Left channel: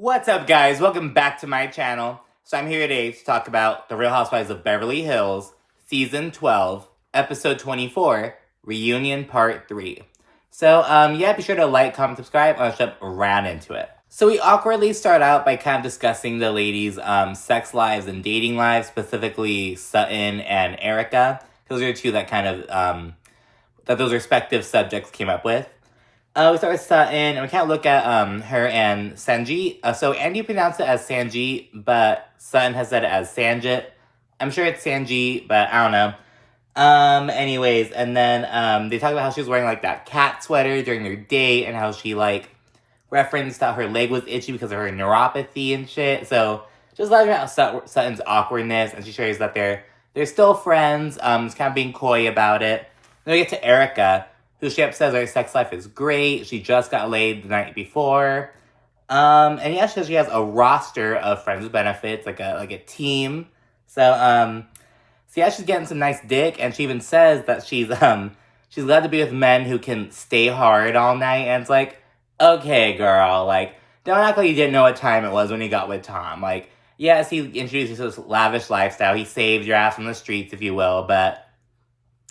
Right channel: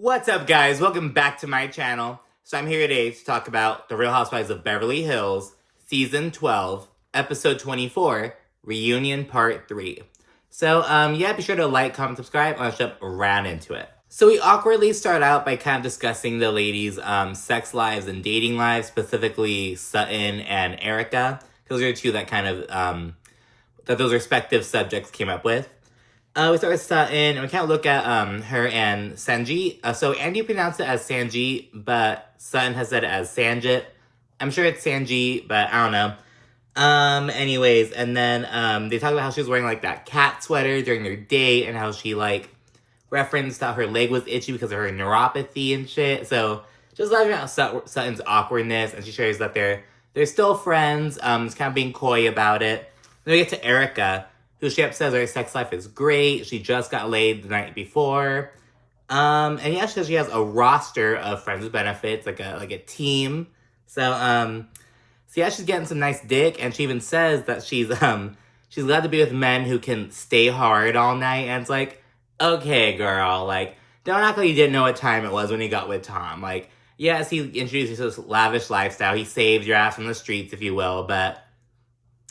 What's up, guys? Welcome back to my channel. So I'm here today to talk about The Real Housewives of Beverly Hills, Season 12, Episode 24, Reunion Part 3. So, yeah, be sure to like, comment, subscribe, and I'll jump right into it. So we awkwardly start out by kind of discussing the ladies' sex lives and dating lives, specifically Sutton and Erika. Those are two that kind of, that those respective subjects came up with. We start with Sutton, and we kind of look at her and Sanjit. So Andy pronounced it as Sanjit, but Sutton has said it as Sanjit. I'm sure it's Sanjit, but I don't know. Anyways, and then they talk about how she was wearing like that cat sweater during their date, and how she like referenced how her leg was itchy because of her neuropathy and shit. So just talking about Sutton's awkwardness, and she shares that they're still friends. It's kind of being coy about it. Then we get to Erika, who she says her sex life is great. She just got laid the night before. And yeah, she says she has a roster of friends with benefits, like a team. So yeah, she's getting some nice dick, and she even says that she's glad to be with men who can stay hard all night. And it's like, okay, girl, like, don't act like you didn't know what time it was when you got with Tom. Like, yes, he introduced you to this lavish lifestyle. He saved your ass from the streets, if you will, but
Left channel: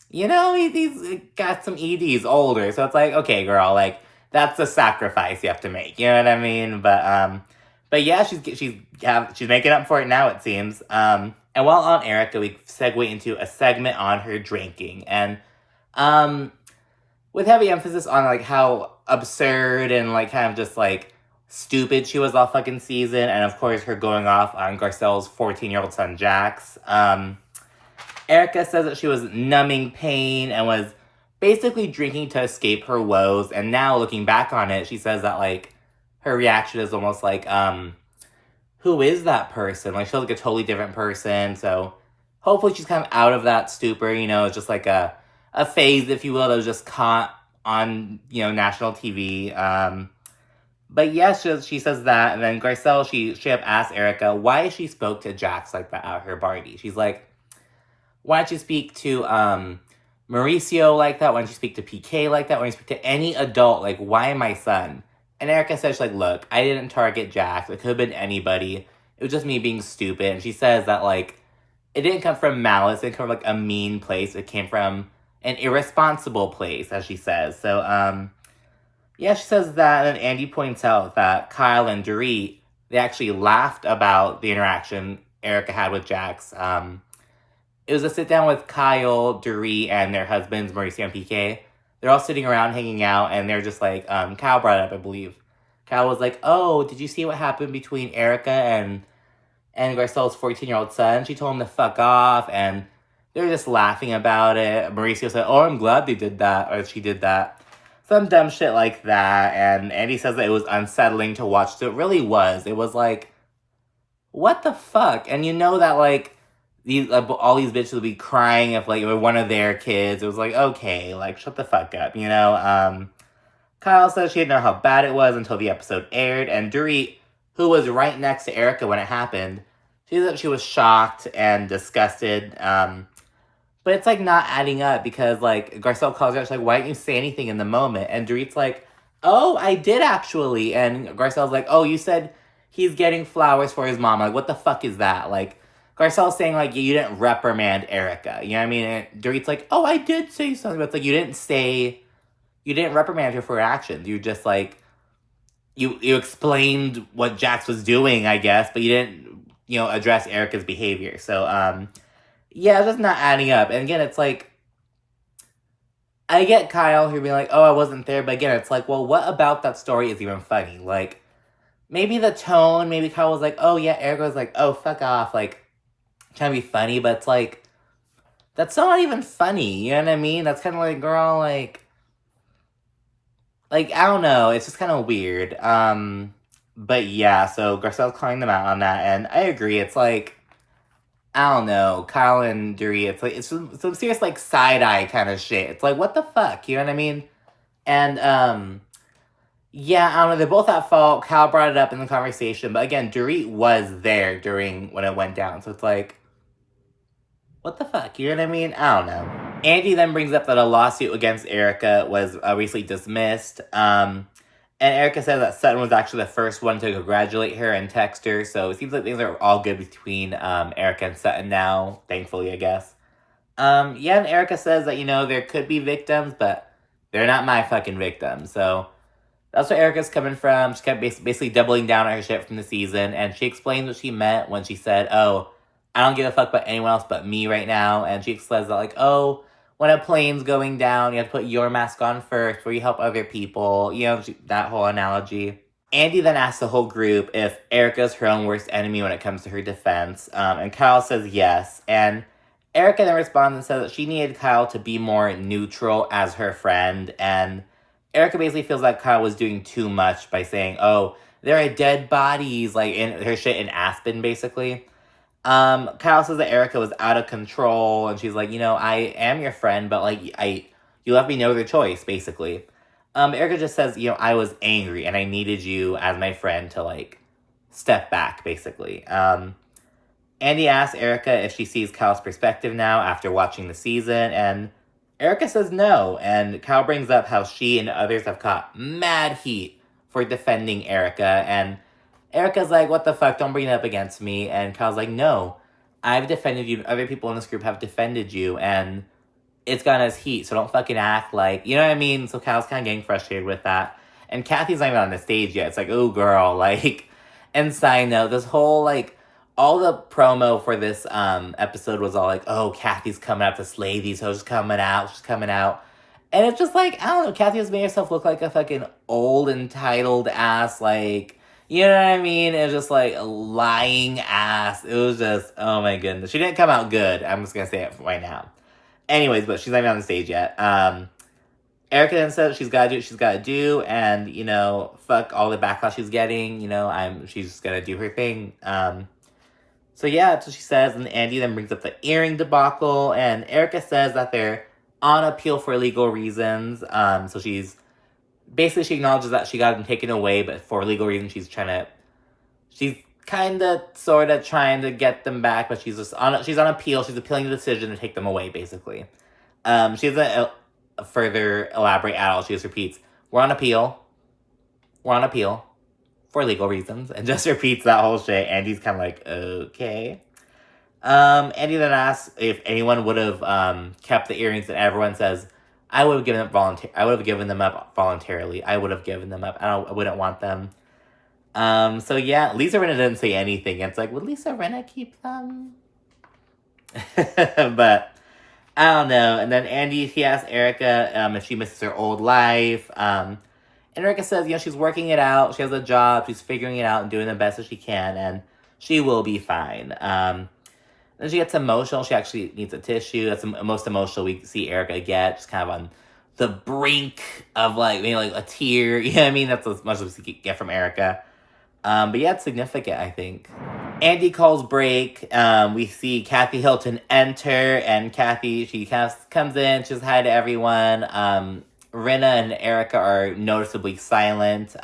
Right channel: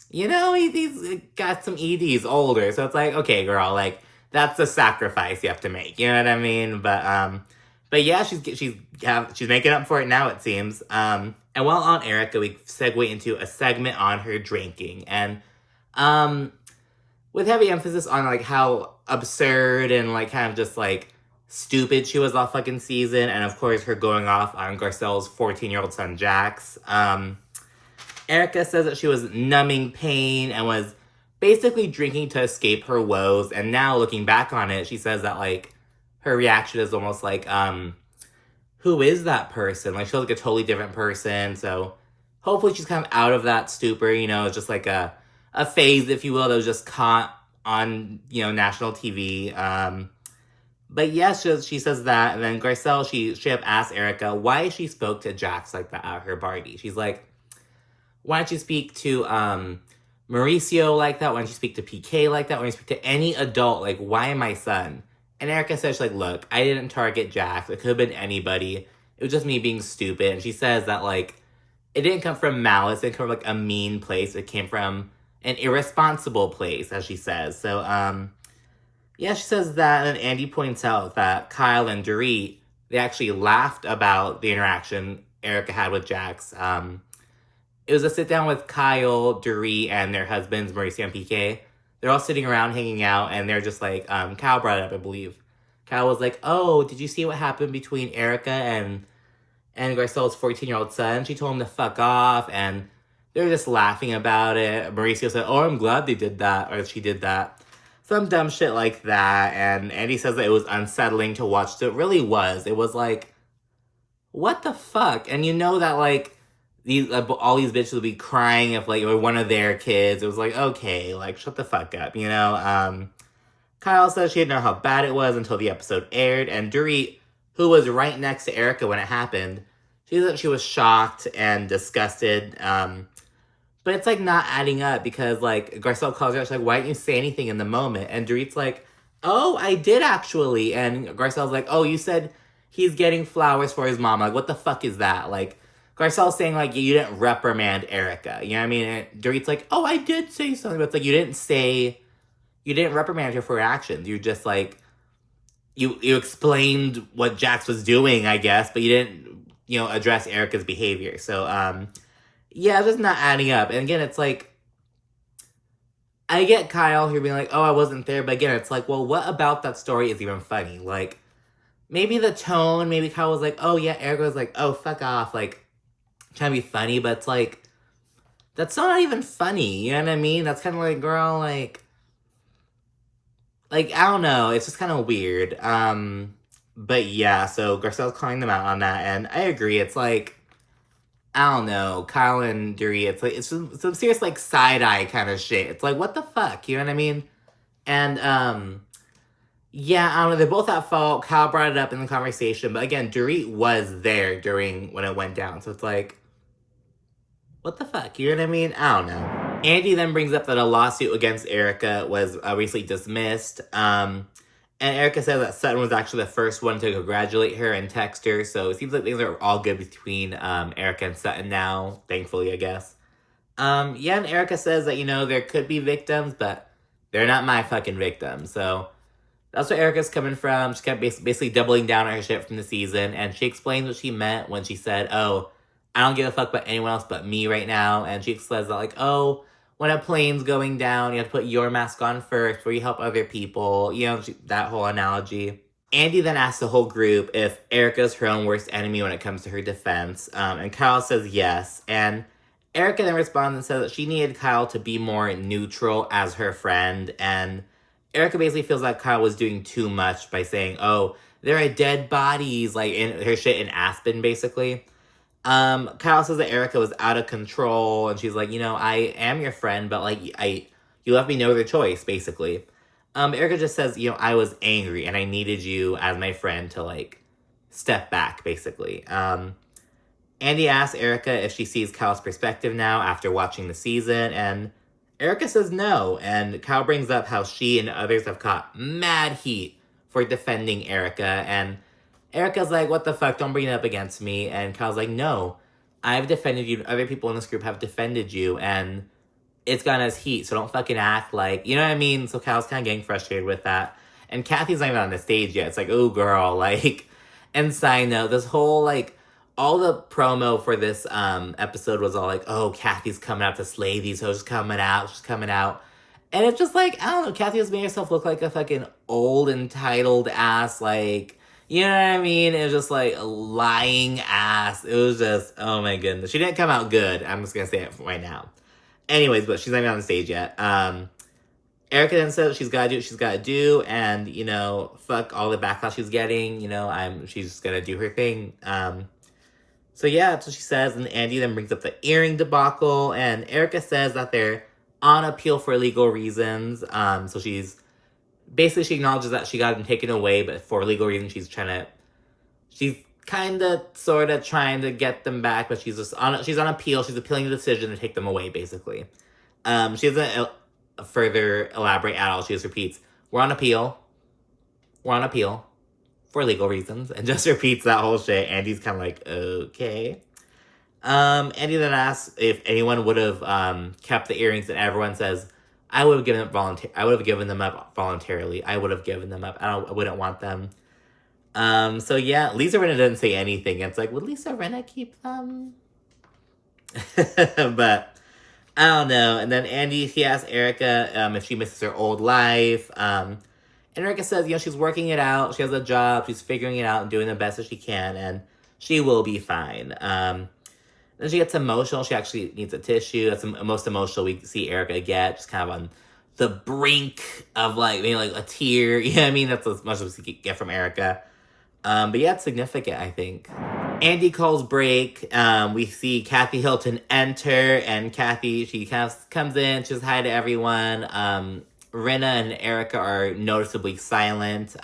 you know, he's got some EDs older, so it's like, okay, girl, like, that's a sacrifice you have to make, you know what I mean? But yeah, she's making up for it now, it seems. And while on Erika, we segue into a segment on her drinking, and with heavy emphasis on like how absurd and like kind of just like stupid she was all fucking season, and of course her going off on Garcelle's 14-year-old son Jax. Erika says that she was numbing pain and was basically drinking to escape her woes. And now looking back on it, she says that like her reaction is almost like, who is that person? Like, she feels like a totally different person. So hopefully she's kind of out of that stupor, you know, it's just like a phase, if you will, that was just caught on, you know, national TV. But yeah, she says that. And then Garcelle, she straight up asked Erika why she spoke to Jax like that at her party. She's like, why don't you speak to Mauricio like that? Why don't you speak to PK like that? Why don't you speak to any adult? Like, why my son? And Erika says, she's like, look, I didn't target Jax. It could have been anybody. It was just me being stupid. And she says that, like, it didn't come from malice. It didn't come from, like, a mean place. It came from an irresponsible place, as she says. So, yeah, she says that. And then Andy points out that Kyle and Dorit, they actually laughed about the interaction Erika had with Jax. It was a sit-down with Kyle, Dorit, and their husbands, Mauricio and PK. They're all sitting around, hanging out, and they're just like, Kyle brought it up, I believe. Kyle was like, oh, did you see what happened between Erika and Garcelle's 14-year-old son? She told him to fuck off, and they're just laughing about it. Mauricio said, oh, I'm glad they did that, or she did that. Some dumb shit like that, and Andy says that it was unsettling to watch. So it really was. It was like, what the fuck? And you know that, like, all these bitches would be crying if, like, it were one of their kids. It was like, okay, like, shut the fuck up, you know? Kyle says she didn't know how bad it was until the episode aired, and Dorit, who was right next to Erika when it happened, she said that she was shocked and disgusted, but it's, like, not adding up because, like, Garcelle calls her out, she's like, why didn't you say anything in the moment? And Dorit's like, oh, I did actually, and Garcelle's like, oh, you said he's getting flowers for his mom. Like, what the fuck is that? Like, Garcelle's saying, like, you didn't reprimand Erika. You know what I mean? And Dorit's like, oh, I did say something. But it's like, you didn't reprimand her for her actions. You just, like, you explained what Jax was doing, I guess, but you didn't, you know, address Erika's behavior. So, yeah, it's just not adding up. And again, it's like, I get Kyle who being like, oh, I wasn't there. But again, it's like, well, what about that story is even funny? Like, maybe the tone, maybe Kyle was like, oh, yeah, Erika was like, oh, fuck off. Like, trying to be funny, but it's like, that's not even funny, you know what I mean? That's kind of like, girl, like, I don't know, it's just kind of weird. But yeah, so Garcelle's calling them out on that, and I agree, it's like, I don't know, Kyle and Dorit, it's like, it's some serious, like, side-eye kind of shit. It's like, what the fuck, you know what I mean? And, yeah, I don't know, they're both at fault. Kyle brought it up in the conversation, but again, Dorit was there when it went down, so it's like, what the fuck? You know what I mean? I don't know. Andy then brings up that a lawsuit against Erika was recently dismissed. And Erika says that Sutton was actually the first one to congratulate her and text her, so it seems like things are all good between Erika and Sutton now, thankfully, I guess. Yeah, and Erika says that, there could be victims, but they're not my fucking victims, so that's where Erika's coming from. She kept basically doubling down on her shit from the season, and she explains what she meant when she said, oh, I don't give a fuck about anyone else but me right now, and she says that, like, oh, when a plane's going down, you have to put your mask on first before you help other people, that whole analogy. Andy then asks the whole group if Erika's her own worst enemy when it comes to her defense, and Kyle says yes, and Erika then responds and says that she needed Kyle to be more neutral as her friend, and Erika basically feels like Kyle was doing too much by saying, oh, there are dead bodies, like, in her shit in Aspen, basically. Kyle says that Erika was out of control, and she's like, I am your friend, but, like, you left me no other choice, basically. Erika just says, I was angry, and I needed you as my friend to, like, step back, basically. Andy asks Erika if she sees Kyle's perspective now after watching the season, and Erika says no, and Kyle brings up how she and others have caught mad heat for defending Erika, and Erika's like, what the fuck, don't bring it up against me, and Kyle's like, no, I've defended you, and other people in this group have defended you, and it's gotten us heat, so don't fucking act like, you know what I mean? So Kyle's kind of getting frustrated with that, and Kathy's not even on the stage yet. It's like, oh, girl, like, and side note, this whole, like, all the promo for this episode was all like, oh, Kathy's coming out to slay these hoes, she's coming out. And it's just like, I don't know, Kathy has made herself look like a fucking old, entitled ass, like, you know what I mean? It was just like a lying ass. It was just, oh my goodness. She didn't come out good. I'm just gonna say it right now. Anyways, but she's not even on the stage yet. Erika then says she's gotta do what she's gotta do, and, fuck all the backlash she's getting, she's just gonna do her thing. So yeah, that's what she says, and Andy then brings up the earring debacle, and Erika says that they're on appeal for legal reasons. So she acknowledges that she got them taken away, but for legal reasons she's kind of, sort of trying to get them back, but she's on appeal. She's appealing the decision to take them away, basically. She doesn't further elaborate at all. She just repeats, we're on appeal for legal reasons, and just repeats that whole shit. Andy's kind of like, okay. Andy then asks if anyone would have kept the earrings, and everyone says, I would have given them up voluntarily. I would have given them up. I wouldn't want them. So yeah, Lisa Rinna didn't say anything. It's like, would Lisa Rinna keep them? But I don't know. And then Andy, he asks Erika if she misses her old life. And Erika says, she's working it out. She has a job. She's figuring it out and doing the best that she can. And she will be fine. Then she gets emotional. She actually needs a tissue. That's the most emotional we see Erika get. Just kind of on the brink of, like, maybe like a tear. You know what I mean? That's as much as we get from Erika. But yeah, it's significant, I think. Andy calls break. We see Kathy Hilton enter. And Kathy, she kind of comes in. She says hi to everyone. Rinna and Erika are noticeably silent.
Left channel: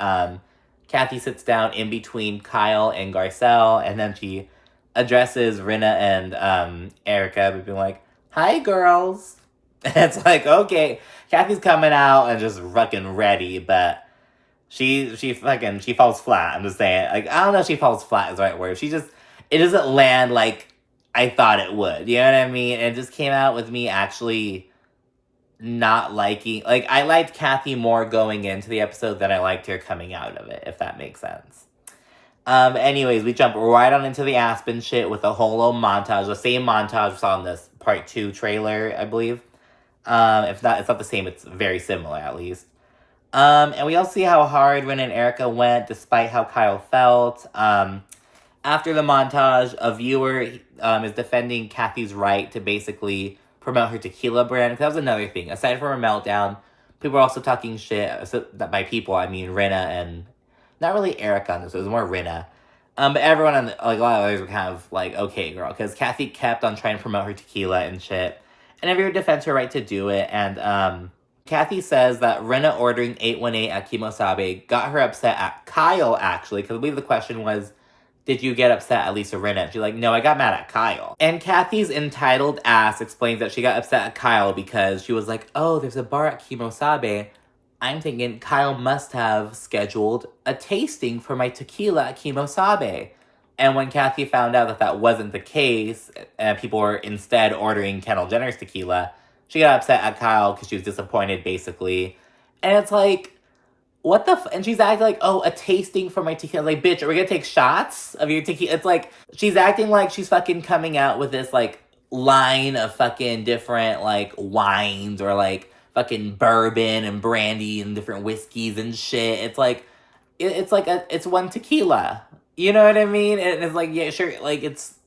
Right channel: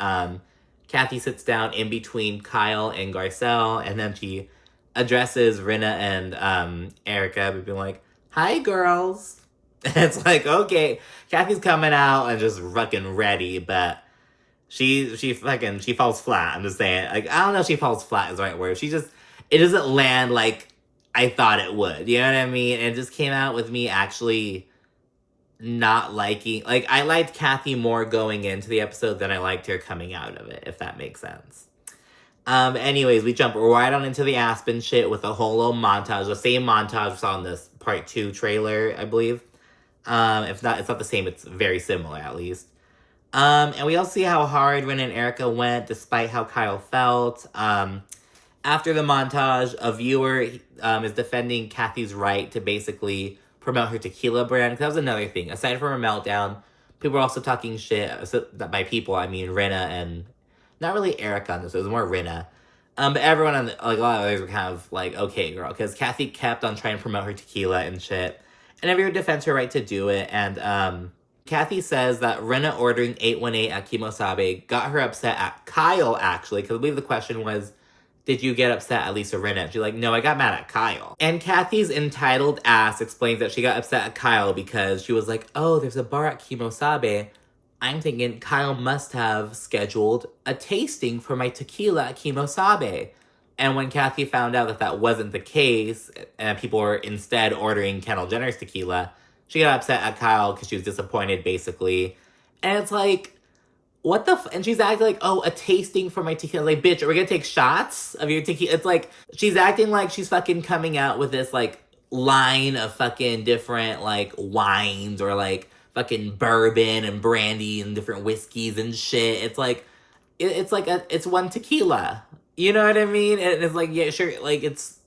Kathy sits down in between Kyle and Garcelle, and then she addresses Rinna and Erika, being like, hi, girls. And it's like, okay, Kathy's coming out and just fucking ready, but she falls flat. I'm just saying, like, I don't know if she falls flat is the right word. It doesn't land like I thought it would. You know what I mean? And it just came out with me actually not liking, like, I liked Kathy more going into the episode than I liked her coming out of it, if that makes sense. Anyways, we jump right on into the Aspen shit with a whole little montage, the same montage we saw in this part 2 trailer, I believe. If not, it's not the same, it's very similar at least. And we all see how hard Rinna and Erika went, despite how Kyle felt. After the montage, a viewer is defending Kathy's right to basically promote her tequila brand, because that was another thing. Aside from her meltdown, people were also talking shit. So by people, I mean Rinna and not really Erika on this. It was more Rinna. But everyone on a lot of others were kind of like, okay, girl, because Kathy kept on trying to promote her tequila and shit, and everyone defends her right to do it. And Kathy says that Rinna ordering 818 at Kimosabe got her upset at Kyle, actually, because I believe the question was, did you get upset at Lisa Rinna? And she's like, no, I got mad at Kyle. And Kathy's entitled ass explains that she got upset at Kyle because she was like, oh, there's a bar at Kimosabe. I'm thinking Kyle must have scheduled a tasting for my tequila at Kimosabe. And when Kathy found out that that wasn't the case, and people were instead ordering Kendall Jenner's tequila, she got upset at Kyle because she was disappointed, basically. And it's like, what the and she's acting like, oh, a tasting for my tequila. Like, bitch, are we gonna take shots of your tequila? It's like, she's acting like she's fucking coming out with this, like, line of fucking different, like, wines or, like, fucking bourbon and brandy and different whiskeys and shit. It's like, it's one tequila. You know what I mean? And it's like, yeah, sure, like, it's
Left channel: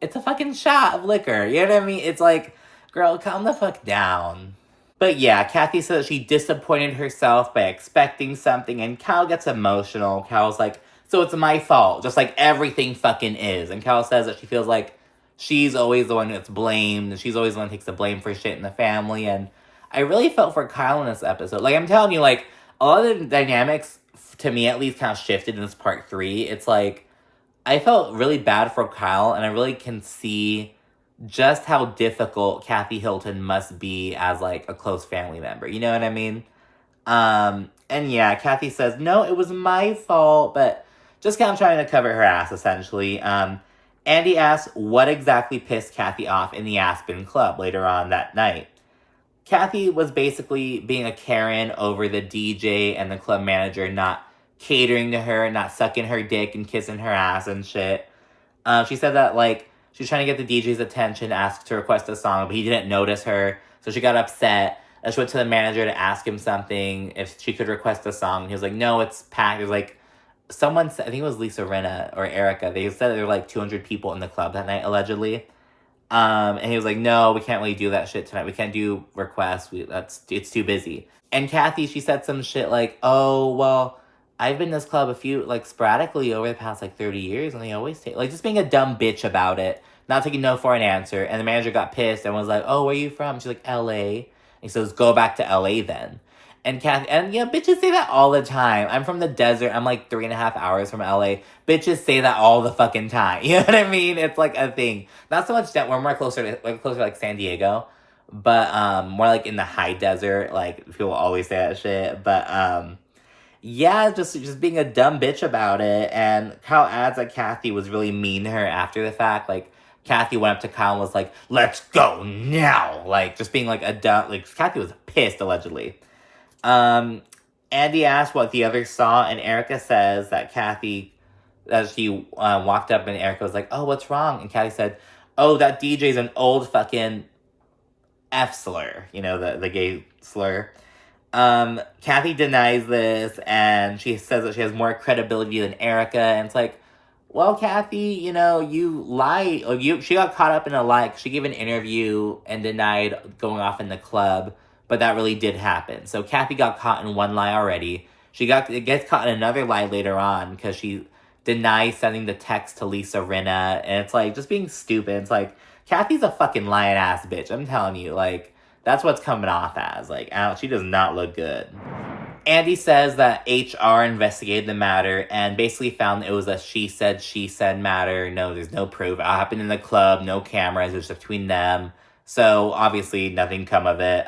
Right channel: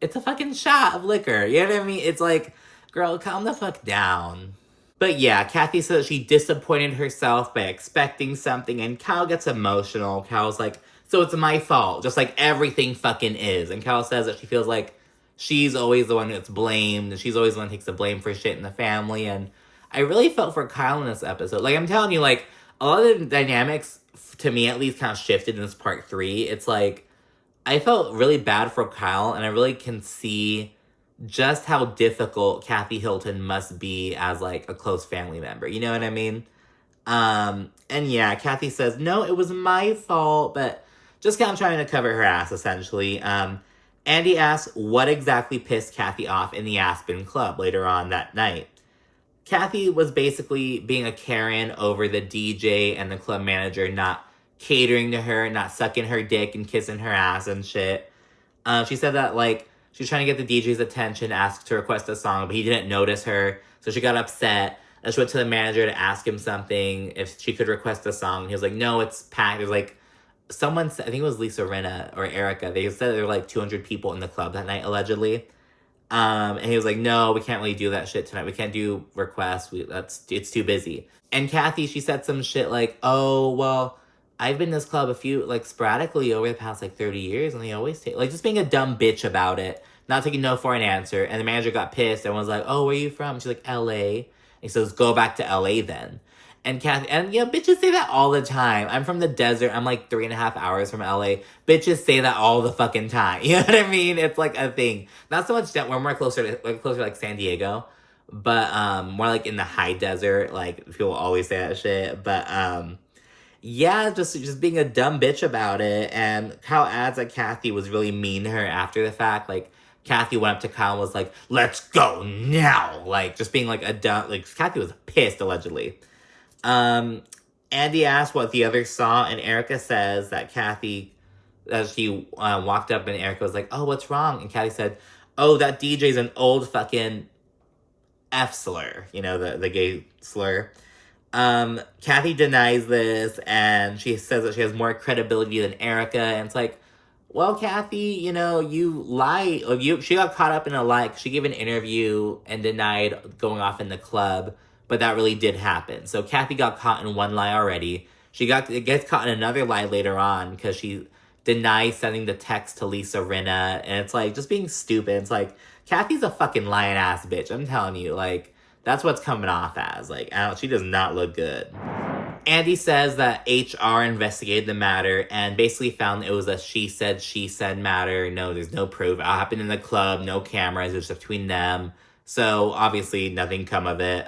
a fucking shot of liquor. You know what I mean? It's like, girl, calm the fuck down. But yeah, Kathy says she disappointed herself by expecting something, and Kyle gets emotional. Kyle's like, so it's my fault, just like everything fucking is. And Kyle says that she feels like she's always the one that's blamed, and she's always the one that takes the blame for shit in the family. And I really felt for Kyle in this episode. Like, I'm telling you, like, a lot of the dynamics, to me at least, kind of shifted in this part 3. It's like, I felt really bad for Kyle, and I really can see just how difficult Kathy Hilton must be as, like, a close family member. You know what I mean? And yeah, Kathy says, no, it was my fault, but just kind of trying to cover her ass, essentially. Andy asks what exactly pissed Kathy off in the Aspen Club later on that night. Kathy was basically being a Karen over the DJ and the club manager not catering to her, not sucking her dick and kissing her ass and shit. She said that, like, she was trying to get the DJ's attention, asked to request a song, but he didn't notice her, so she got upset. She went to the manager to ask him something, if she could request a song. He was like, no, it's packed. It was like, someone said, I think it was Lisa Rinna or Erika, they said there were like 200 people in the club that night, allegedly. And he was like, no, we can't really do that shit tonight. We can't do requests. It's too busy. And Kathy, she said some shit like, oh, well, I've been in this club sporadically over the past, 30 years, and they always take, just being a dumb bitch about it, not taking no for an answer. And the manager got pissed and was like, oh, where are you from? She's like, LA. And he says, go back to LA then. And Kathy, and bitches say that all the time. I'm from the desert. I'm 3.5 hours from LA. Bitches say that all the fucking time. You know what I mean? It's like a thing. Not so much that we're more closer to San Diego, but more in the high desert. People always say that shit. But yeah, just being a dumb bitch about it. And Kyle adds that Kathy was really mean to her after the fact. Kathy went up to Kyle and was like, let's go now. Just being a dumb, Kathy was pissed, allegedly. Andy asked what the others saw, and Erika says that Kathy, as she walked up, and Erika was like, oh, what's wrong? And Kathy said, oh, that DJ's an old fucking F slur, the gay slur. Kathy denies this, and she says that she has more credibility than Erika, and it's like, well, Kathy, you lie. She got caught up in a lie. She gave an interview and denied going off in the club, but that really did happen. So Kathy got caught in one lie already. She gets caught in another lie later on because she denies sending the text to Lisa Rinna, and it's just being stupid. It's Kathy's a fucking lying ass bitch. I'm telling you, that's what's coming off as. She does not look good. Andy says that HR investigated the matter and basically found it was a she said matter. No, there's no proof. It happened in the club, no cameras, it was just between them. So obviously nothing come of it.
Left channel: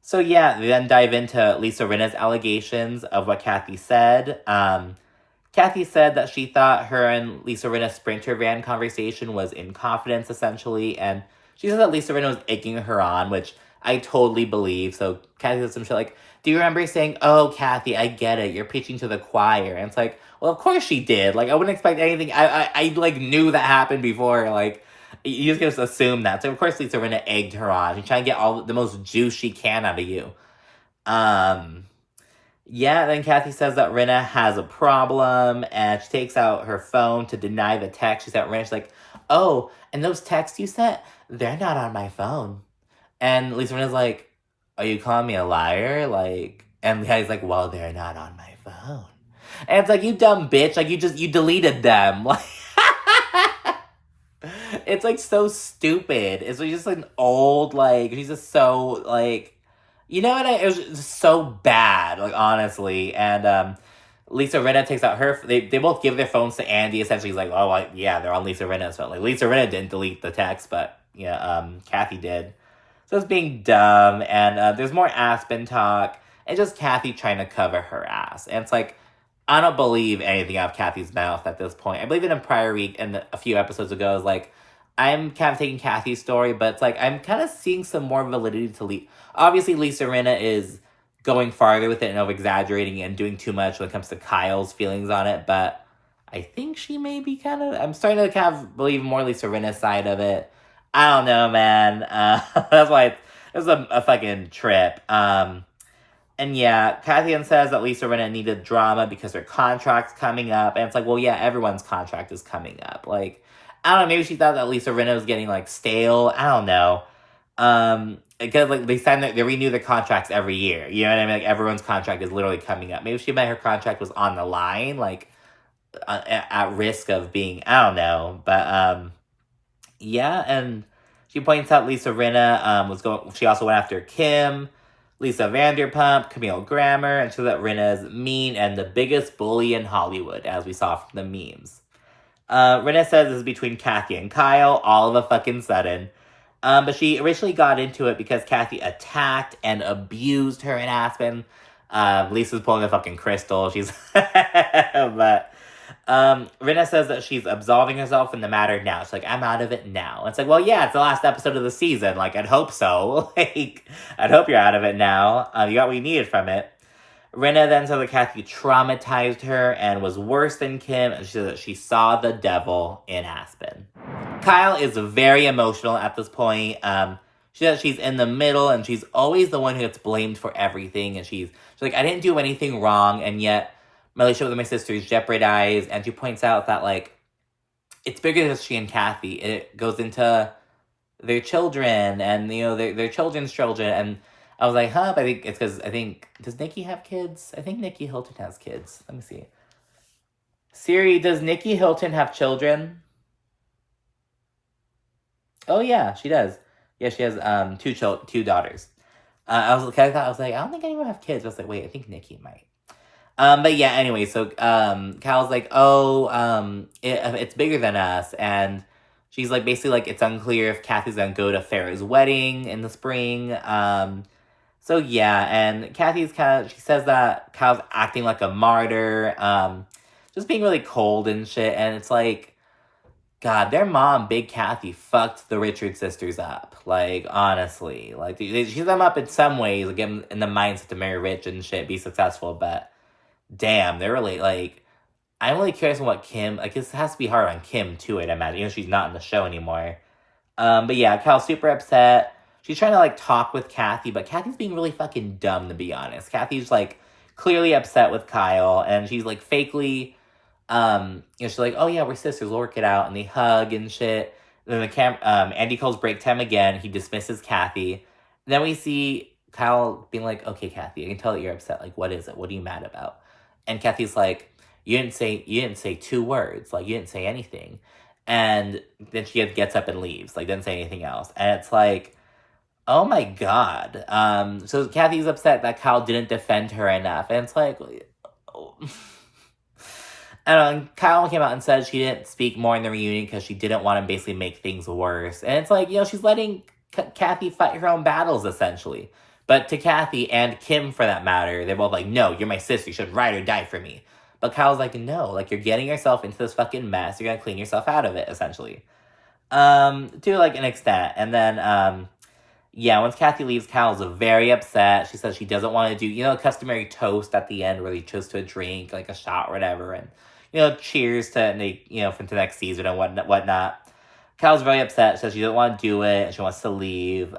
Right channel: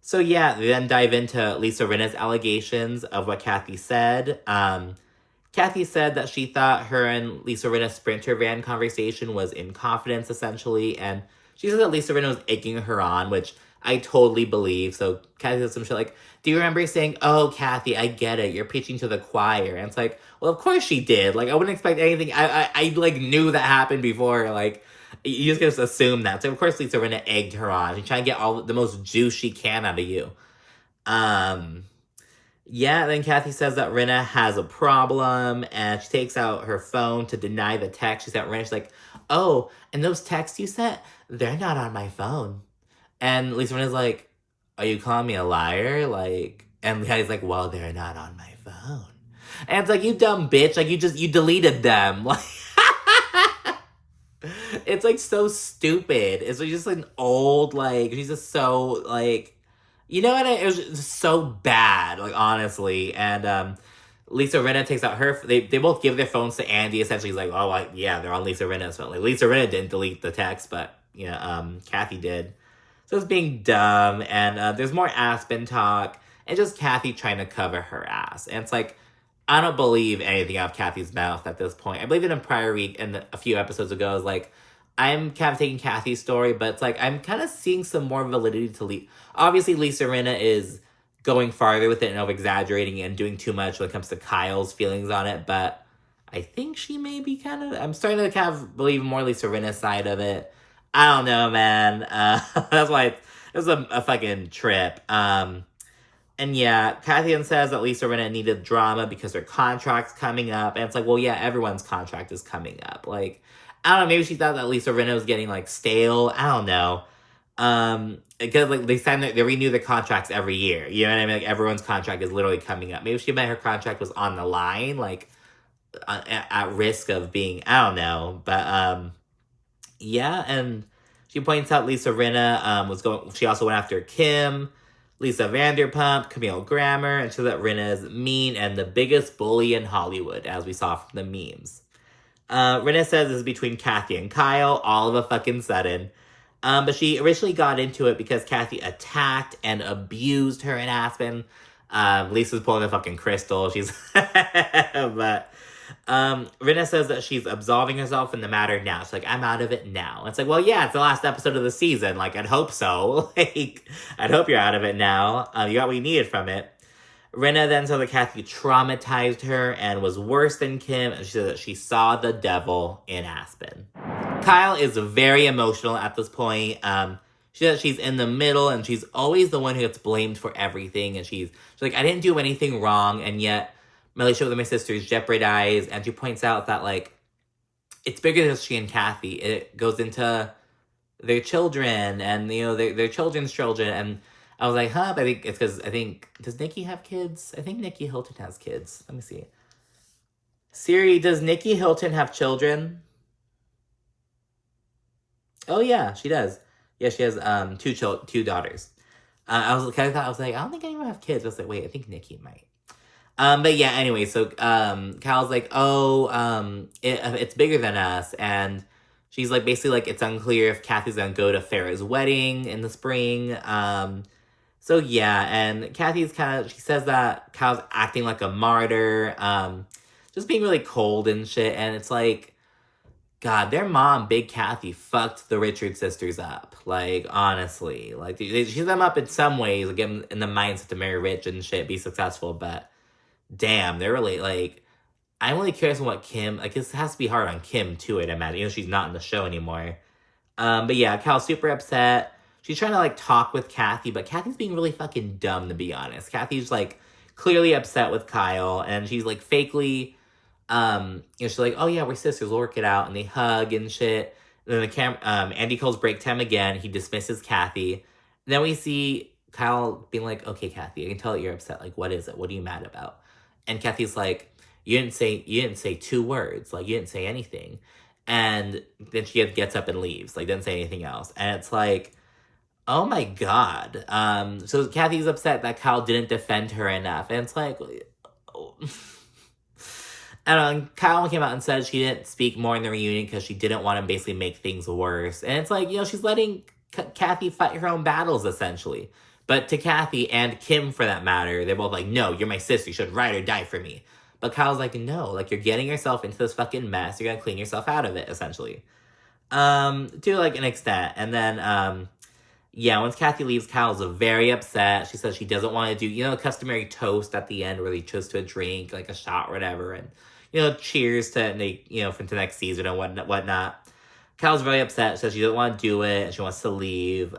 So yeah, they then dive into Lisa Rinna's allegations of what Kathy said. Kathy said that she thought her and Lisa Rinna's Sprinter van conversation was in confidence, essentially, and she said that Lisa Rinna was egging her on, which I totally believe. So Kathy said some shit do you remember saying, oh, Kathy, I get it, you're preaching to the choir? And it's well, of course she did. I wouldn't expect anything. I knew that happened before. You just assume that. So, of course, Lisa Rinna egged her on. She's trying to get all the most juice she can out of you. Yeah, then Kathy says that Rinna has a problem, and she takes out her phone to deny the text. She sent Rinna, she's like, oh, and those texts you sent, they're not on my phone. And Lisa Rinna's like, are you calling me a liar? And Kathy's like, well, they're not on my phone. And it's you dumb bitch. You deleted them. It's so stupid. It's just an old, she's just so, you know what? It was just so bad, honestly. And Lisa Rinna takes out her, they both give their phones to Andy. Essentially, he's oh, yeah, they're on Lisa Rinna's phone. Lisa Rinna didn't delete the text, but, yeah, Kathy did. So it's being dumb, and there's more Aspen talk. and just Kathy trying to cover her ass. And it's like, I don't believe anything out of Kathy's mouth at this point. I believe it in prior week and a few episodes ago. I was like, I'm kind of taking Kathy's story, but it's like, I'm kind of seeing some more validity to obviously, Lisa Rinna is going farther with it and over-exaggerating and doing too much when it comes to Kyle's feelings on it, but I think she may be I'm starting to kind of believe more Lisa Rinna's side of it. I don't know, man. That's why it was a fucking trip. And yeah, Kathy says that Lisa Rinna needed drama because her contract's coming up. And it's like, well, yeah, everyone's contract is coming up. Like, I don't know, maybe she thought that Lisa Rinna was getting, like, stale. I don't know. Because, like, they renew the contracts every year. You know what I mean? Like, everyone's contract is literally coming up. Maybe she meant her contract was on the line, like, at risk of being, I don't know. But, yeah, and she points out Lisa Rinna she also went after Kim, Lisa Vanderpump, Camille Grammer, and so that Rinna is mean and the biggest bully in Hollywood, as we saw from the memes. Rinna says this is between Kathy and Kyle, all of a fucking sudden. But she originally got into it because Kathy attacked and abused her in Aspen. Lisa's pulling a fucking crystal. But Rinna says that she's absolving herself in the matter now. She's like, I'm out of it now. It's like, well, yeah, it's the last episode of the season. Like, I'd hope so. Like, I'd hope you're out of it now. You got what you needed from it. Rinna then said that Kathy traumatized her and was worse than Kim. And she said that she saw the devil in Aspen. Kyle is very emotional at this point. She says she's in the middle and she's always the one who gets blamed for everything. And she's like, I didn't do anything wrong. And yet my relationship with my sister is jeopardized. And she points out that, like, it's bigger than she and Kathy. It goes into their children and, you know, their children's children. And I was like, huh? But I think it's because does Nikki have kids? I think Nikki Hilton has kids. Let me see. Siri, does Nikki Hilton have children? Oh, yeah, she does. Yeah, she has two daughters. I was like, I don't think anyone have kids. I was like, wait, I think Nikki might. But yeah, anyway, so Kyle's like, it's bigger than us, and she's like, basically, like, it's unclear if Kathy's gonna go to Farrah's wedding in the spring. So yeah, and Kathy's she says that Kyle's acting like a martyr, just being really cold and shit, and it's like, God, their mom, Big Kathy, fucked the Richards sisters up. Like, honestly. Like, she set them up in some ways, like, get them in the mindset to marry rich and shit, be successful, but damn, they're really, like, I'm really curious on what Kim, like, this has to be hard on Kim, too, I'd imagine, you know, she's not in the show anymore. But yeah, Kyle's super upset. She's trying to, like, talk with Kathy, but Kathy's being really fucking dumb, to be honest. Kathy's, like, clearly upset with Kyle, and she's, like, fakely, you know, she's like, oh, yeah, we're sisters, we'll work it out, and they hug and shit. And then Andy calls break time again. He dismisses Kathy. And then we see Kyle being like, okay, Kathy, I can tell that you're upset. Like, what is it? What are you mad about? And Kathy's like, you didn't say 2 words. Like, you didn't say anything. And then she gets up and leaves. Like, didn't say anything else. And it's like, oh my God. So Kathy's upset that Kyle didn't defend her enough. And it's like, I don't know, Kyle came out and said she didn't speak more in the reunion because she didn't want to basically make things worse. And it's like, you know, she's letting Kathy fight her own battles, essentially. But to Kathy and Kim, for that matter, they're both like, no, you're my sister. You should ride or die for me. But Kyle's like, no, like, you're getting yourself into this fucking mess. You're going to clean yourself out of it, essentially. To, like, an extent. And then, yeah, once Kathy leaves, Kyle's very upset. She says she doesn't want to do, you know, a customary toast at the end where they toast to a drink, like a shot or whatever. And, you know, cheers to, you know, for the next season and whatnot. Kyle's very upset. Says she doesn't want to do it. And she wants to leave.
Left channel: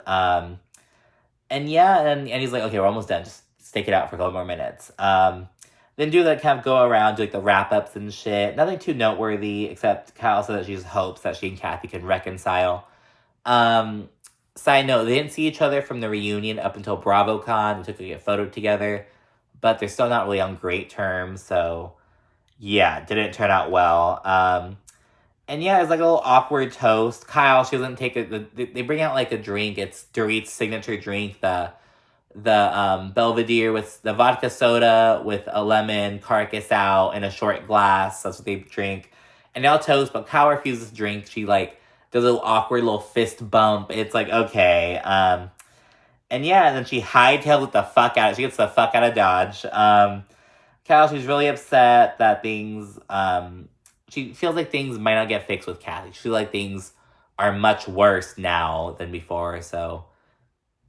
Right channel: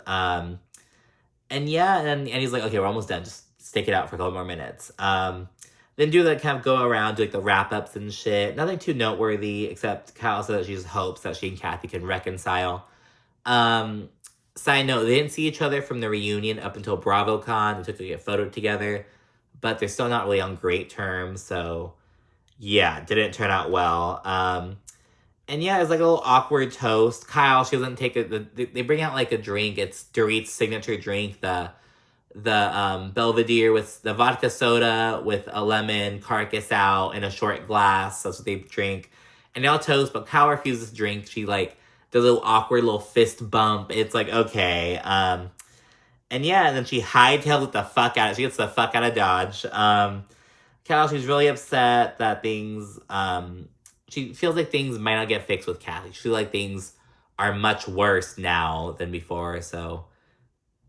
And yeah, and he's like, okay, we're almost done. Just stick it out for a couple more minutes. Then do that kind of go around, do like the wrap-ups and shit. Nothing too noteworthy, except Kyle said that she just hopes that she and Kathy can reconcile. Side note, they didn't see each other from the reunion up until BravoCon. They took a photo together, but they're still not really on great terms, so yeah, didn't turn out well. And yeah, it's like a little awkward toast. Kyle, she doesn't take it. They bring out like a drink. It's Dorit's signature drink, the Belvedere with the vodka soda with a lemon, carcass out in a short glass. That's what they drink. And they all toast, but Kyle refuses to drink. She like does a little awkward little fist bump. It's like, okay. And yeah, and then she hightails it the fuck out. She gets the fuck out of Dodge. Kyle, she's really upset that things, she feels like things might not get fixed with Kathy. She feels like things are much worse now than before, so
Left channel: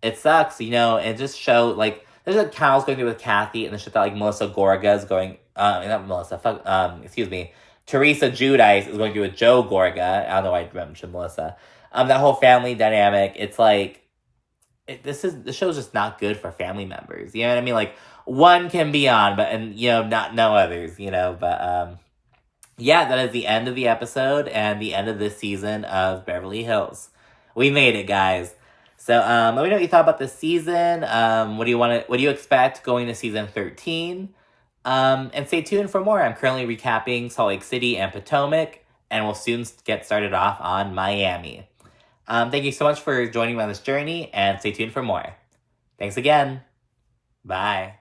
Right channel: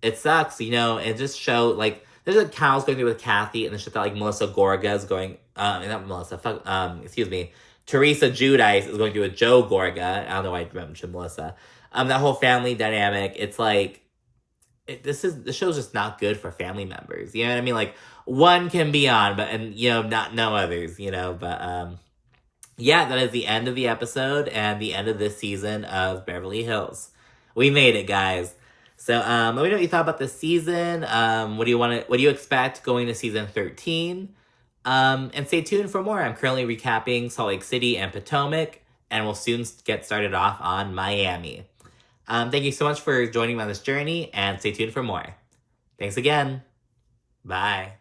it sucks, you know, it just showed, like, there's like Kyle's going through with Kathy, and the shit that, like, Melissa Gorga is going, not Melissa, excuse me, Teresa Giudice is going through with Joe Gorga. I don't know why I mentioned Melissa. That whole family dynamic, it's like, this show's just not good for family members. You know what I mean? Like, one can be on, but, and, you know, not no others, you know, but, yeah, that is the end of the episode and the end of this season of Beverly Hills. We made it, guys. So, let me know what you thought about this season. What do you expect going to season 13? And stay tuned for more. I'm currently recapping Salt Lake City and Potomac, and we'll soon get started off on Miami. Thank you so much for joining me on this journey, and stay tuned for more. Thanks again. Bye.